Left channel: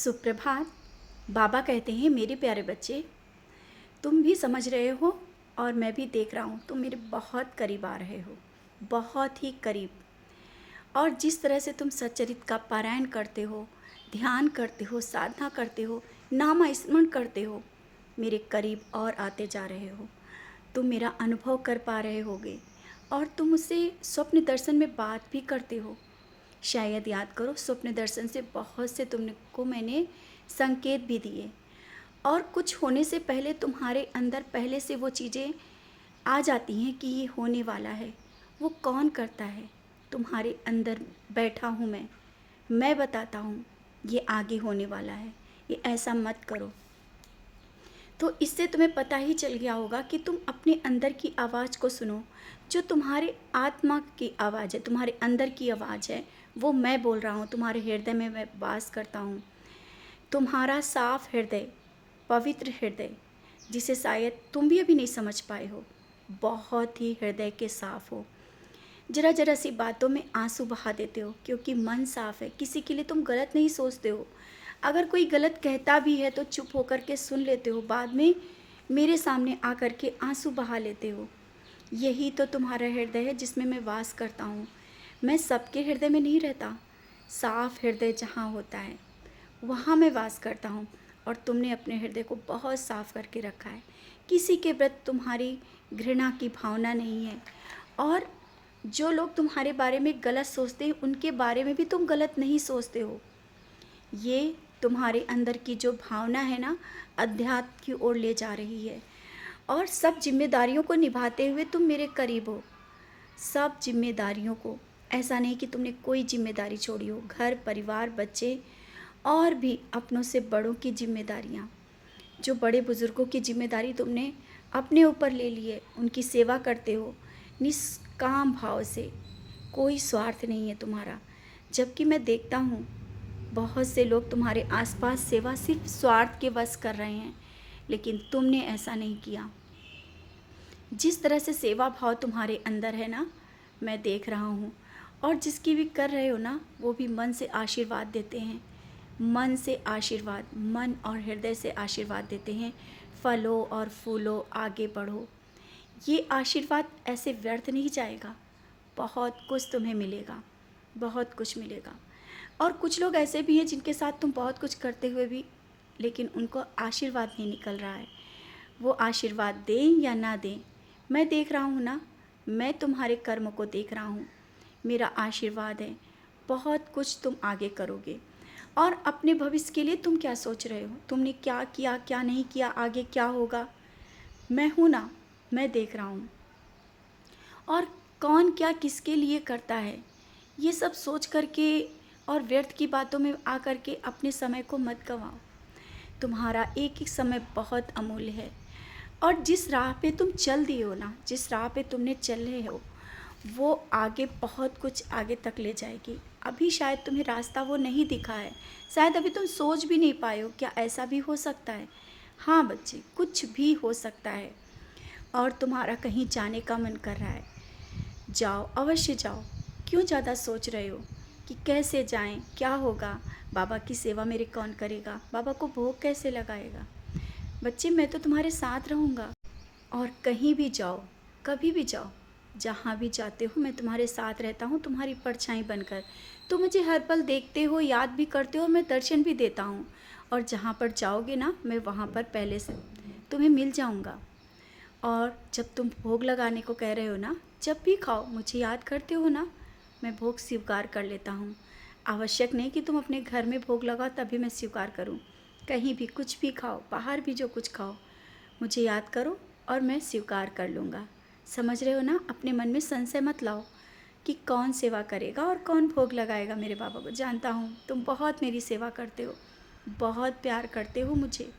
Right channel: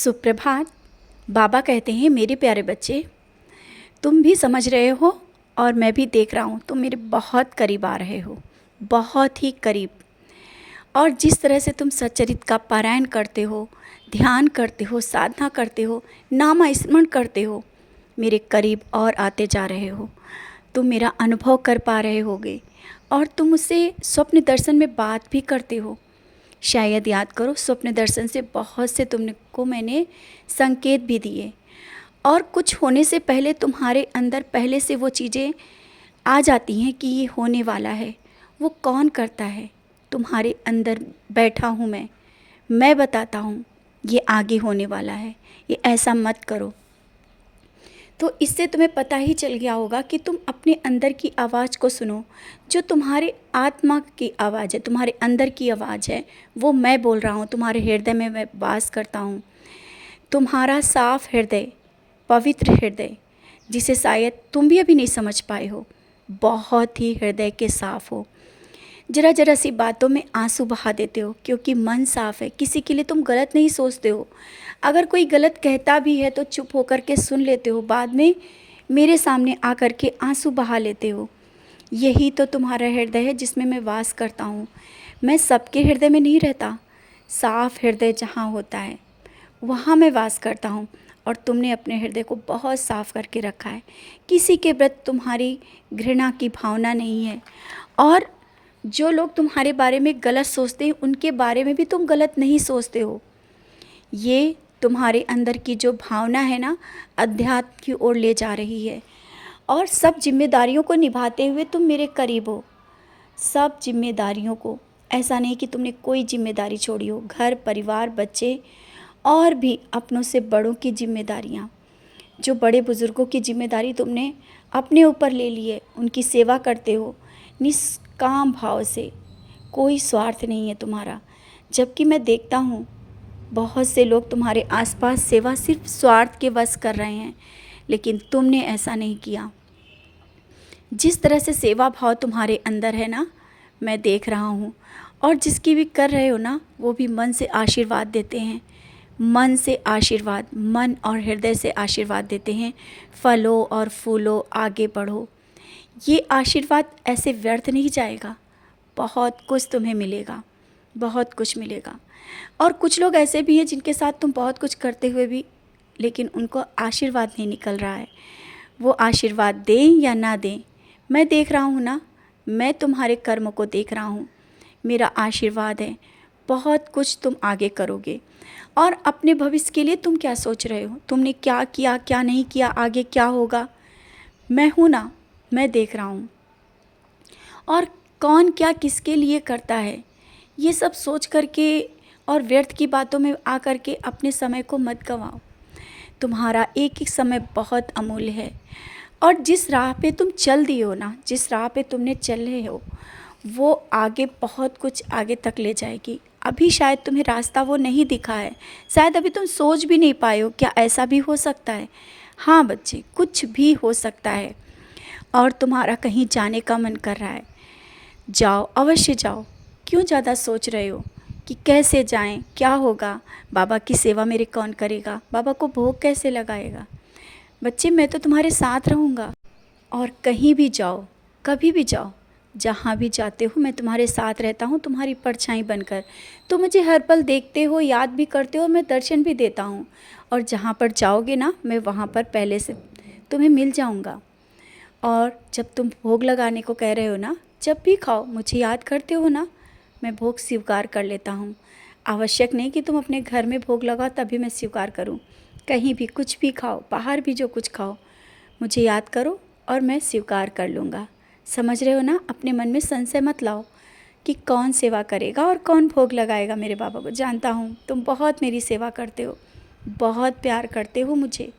सुप्रभात। बाबा कहते हैं, मेरे प्यारे बच्चे, तुम भी समझ रहे हो और मैं भी देख रहा हूँ, तुम मेरे बहुत करीब आ रहे हो, बहुत ही करीब। और जिस तरह से तुम सच्चरित्र का पारायण करते हो, ध्यान करते हो, साधना करते हो, नाम स्मरण करते हो, मेरे करीब और आते जा रहे हो। तुम मेरा अनुभव कर पा रहे होगे और तुम मुझसे स्वप्न दर्शन में बात भी करते हो। शायद याद करो, स्वप्न दर्शन से बहुत से तुमको मैंने संकेत भी दिए और कुछ होने से पहले तुम्हारे अंदर पहले से वो चीज़ें आ जाती हैं कि ये होने वाला है। वो कौन करता है? तुम्हारे अंदर बैठा हूँ मैं बताता हूँ ये आगे होने वाला है, ये ऐसा मत करो। तो इससे तुम्हें पता ही चल गया होगा कि तुम अपने अंदर की आवाज़ को सुनो। जो तुम्हारे आत्मा की आवाज़ है, तुम्हारे अंदर की आवाज़ है, वो मैं बोल रहा हूँ। तुम्हारे हृदय में मैं वास करता हूँ। तुम्हारा साफ हृदय, पवित्र हृदय, जिसे शायद तुम भी अभी नहीं समझ पाए हो, बहुत ही हृदय के साफ हो। जरा जरा सी बातों में आंसू बहा देते हो क्योंकि मन साफ है। किसी के लिए तुम गलत नहीं सोचते हो। अगर कोई गलत कहता भी है तो चुप होकर के सुन लेते हो, बाद में मेरे सामने आकर के आंसू बहा लेते हो। यही तो तुम्हारा हृदय है जिसमें मैं वास करता हूँ। मैं सबके हृदय में नहीं रहता। साफ हृदय जहाँ होता है वहाँ मैं वास करता हूँ। और तुमने अपने हृदय को बहुत साफ करके रखा है। किसी के प्रति तुम्हारी घृणा की भावना नहीं है। और जो लोग तुम्हारे बारे में गलत सोचते हैं उनके बारे में भी तुम गलत नहीं सोचते हो। ये तुम्हारे अंदर की जो भावना है ना, अध्यात्म की ओर ले जा रही है। और सब जिम्मेदारियों को निभाते हुए तुम मेरे करीब हो। सब जिम्मेदारियों को, ऐसा नहीं कि तुमने कोई जिम्मेदारी छोड़ी हो। घर परिवार, बच्चे और भी अपनों से बड़ों की जिम्मेदारियाँ, जो बड़े बुज़ुर्गों की जिम्मेदारी तुमने अपने ऊपर ले ली है, उनकी सेवा करते हो निष्काम भाव से। कोई स्वार्थ नहीं है तुम्हारा। जबकि मैं देखता हूँ बहुत से लोग तुम्हारे आसपास सेवा सिर्फ स्वार्थ के वश कर रहे हैं, लेकिन तुमने ऐसा नहीं किया। जिस तरह से सेवा भाव तुम्हारे अंदर है ना, मैं देख रहा हूँ। और जिसकी भी कर रहे हो ना, वो भी मन से आशीर्वाद देते हैं। मन से आशीर्वाद, मन और हृदय से आशीर्वाद देते हैं। फलो और फूलो, आगे बढ़ो। ये आशीर्वाद ऐसे व्यर्थ नहीं जाएगा। बहुत कुछ तुम्हें मिलेगा, बहुत कुछ मिलेगा। और कुछ लोग ऐसे भी हैं जिनके साथ तुम बहुत कुछ करते हुए भी, लेकिन उनको आशीर्वाद नहीं निकल रहा है। वो आशीर्वाद दें या ना दें, मैं देख रहा हूँ ना, मैं तुम्हारे कर्म को देख रहा हूँ। मेरा आशीर्वाद है, बहुत कुछ तुम आगे करोगे। और अपने भविष्य के लिए तुम क्या सोच रहे हो? तुमने क्या किया, क्या नहीं किया, आगे क्या होगा? मैं हूँ ना, मैं देख रहा हूँ। और कौन क्या किसके लिए करता है, ये सब सोच करके और व्यर्थ की बातों में आ कर के अपने समय को मत गंवाओ। तुम्हारा एक एक समय बहुत अमूल्य है। और जिस राह पे तुम चल दिए हो ना, जिस राह पे तुमने चल रहे हो, वो आगे बहुत कुछ आगे तक ले जाएगी। अभी शायद तुम्हें रास्ता वो नहीं दिखा है। शायद अभी तुम सोच भी नहीं पाए हो, क्या ऐसा भी हो सकता है? हाँ बच्चे, कुछ भी हो सकता है। और तुम्हारा कहीं जाने का मन कर रहा है, जाओ, अवश्य जाओ। क्यों ज़्यादा सोच रहे हो कि कैसे जाएं, क्या होगा, बाबा की सेवा मेरे कौन करेगा, बाबा को भोग कैसे लगाएगा? बच्चे, मैं तो तुम्हारे साथ रहूँगा। और कहीं भी जाओ, कभी भी जाओ, जहाँ भी जाते हो मैं तुम्हारे साथ रहता हूँ, तुम्हारी परछाई बनकर। तुम मुझे हर पल देखते हो, याद भी करते हो, मैं दर्शन भी देता हूँ। और जहाँ पर जाओगे ना, मैं वहाँ पर पहले से तुम्हें मिल जाऊँगा। और जब तुम भोग लगाने को कह रहे हो ना, जब भी खाओ, मुझे याद करते हो ना, मैं भोग स्वीकार कर लेता हूँ। आवश्यक नहीं कि तुम अपने घर में भोग लगाओ तभी मैं स्वीकार करूँ। कहीं भी कुछ भी खाओ, बाहर भी जो कुछ खाओ, मुझे याद करो और मैं स्वीकार कर लूँगा। समझ रहे हो ना? अपने मन में संशय मत लाओ कि कौन सेवा करेगा और कौन भोग लगाएगा मेरे बाबा को। जानता हूँ तुम बहुत मेरी सेवा करते हो, बहुत प्यार करते हो मुझे।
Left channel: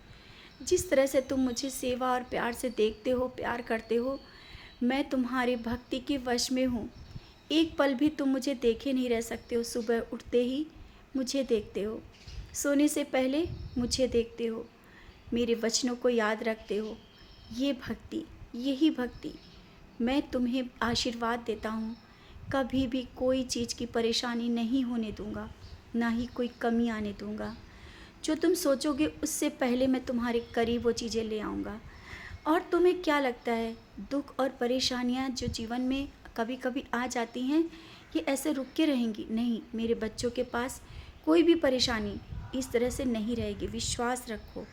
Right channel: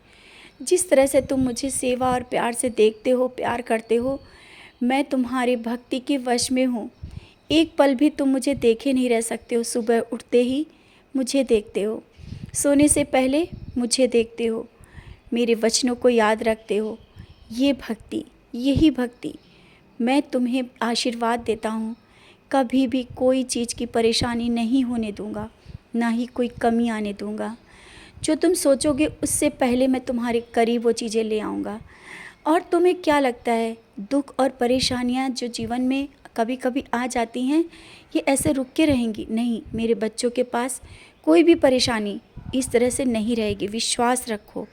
जिस तरह से तुम मुझे सेवा और प्यार से देखते हो, प्यार करते हो, मैं तुम्हारी भक्ति के वश में हूँ। एक पल भी तुम मुझे देखे नहीं रह सकते हो। सुबह उठते ही मुझे देखते हो, सोने से पहले मुझे देखते हो, मेरे वचनों को याद रखते हो। ये भक्ति, यही भक्ति। मैं तुम्हें आशीर्वाद देता हूँ, कभी भी कोई चीज़ की परेशानी नहीं होने दूँगा, ना ही कोई कमी आने दूँगा। जो तुम सोचोगे उससे पहले मैं तुम्हारे करीब वो चीज़ें ले आऊँगा। और तुम्हें क्या लगता है, दुख और परेशानियाँ जो जीवन में कभी कभी आ जाती हैं, ये ऐसे रुक के रहेंगी? नहीं, मेरे बच्चों के पास कोई भी परेशानी इस तरह से नहीं रहेगी, विश्वास रखो।